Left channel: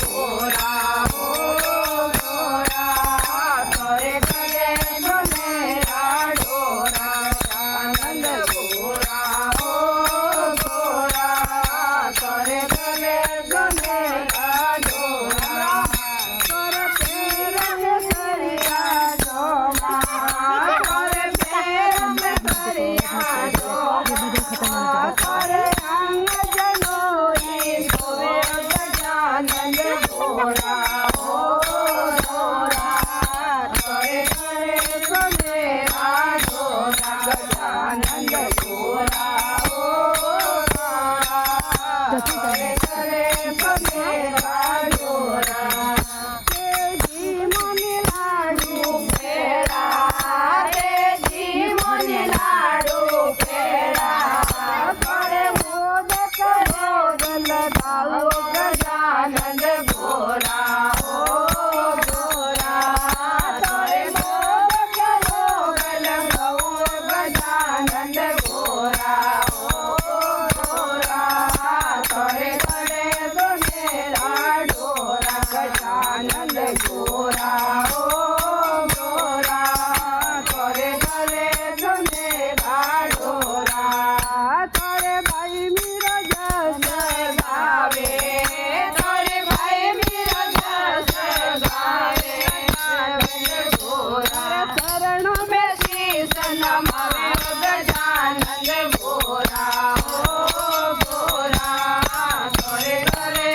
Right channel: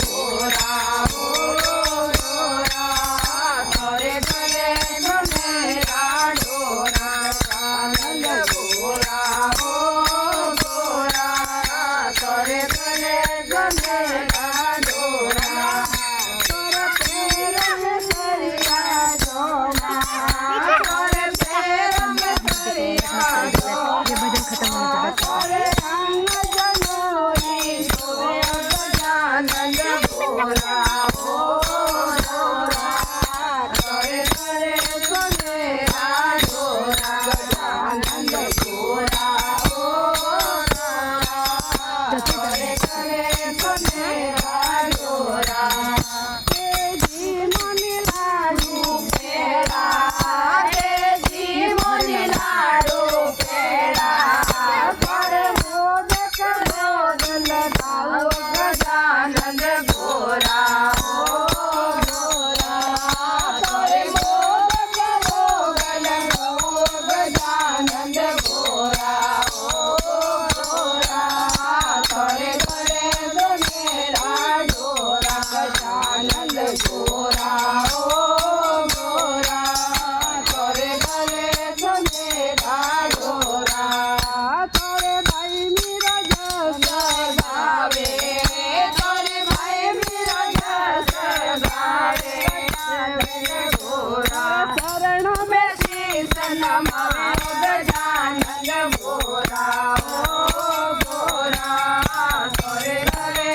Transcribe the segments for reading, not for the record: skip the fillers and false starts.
गोरा हो गोरा करे करे मेरा डोरा आनंद गोरा हो गोरा करे करे मेरा डोरा करे तेरे सरिया जोमा करे तेरे सरिया जोमा करे रंग जनोरी गजानन गोरा हो गोरा करे करे मेरा डोरा गजानन गोरा हो गोरा करे करे मेरा डोरा तेजी मन लाडू पेड़ा तेजी मन लाडू पेड़ा करे मोदक मोदल भाऊ गजानन गोरा हो गोरा करे मोदक मोदल भाऊ गजानन गोरा हो गोरा करे करे मेरा डोरा गजानन गोरा हो गोरा करे करे मेरा डोरा करे भाई मेरा जस गावे करे भाई मेरा जस गावे गोरा चरणों में शीश नमावे गजानन गोरा हो गोरा करे करे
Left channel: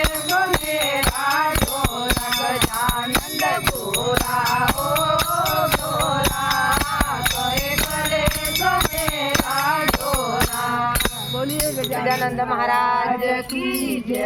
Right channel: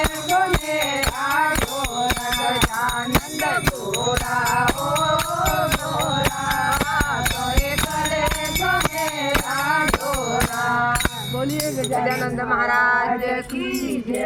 मेरा डोरा गजानन गोरा हो गोरा करे करे मेरा डोरा। बोलिए गजानंद महाराज की जय।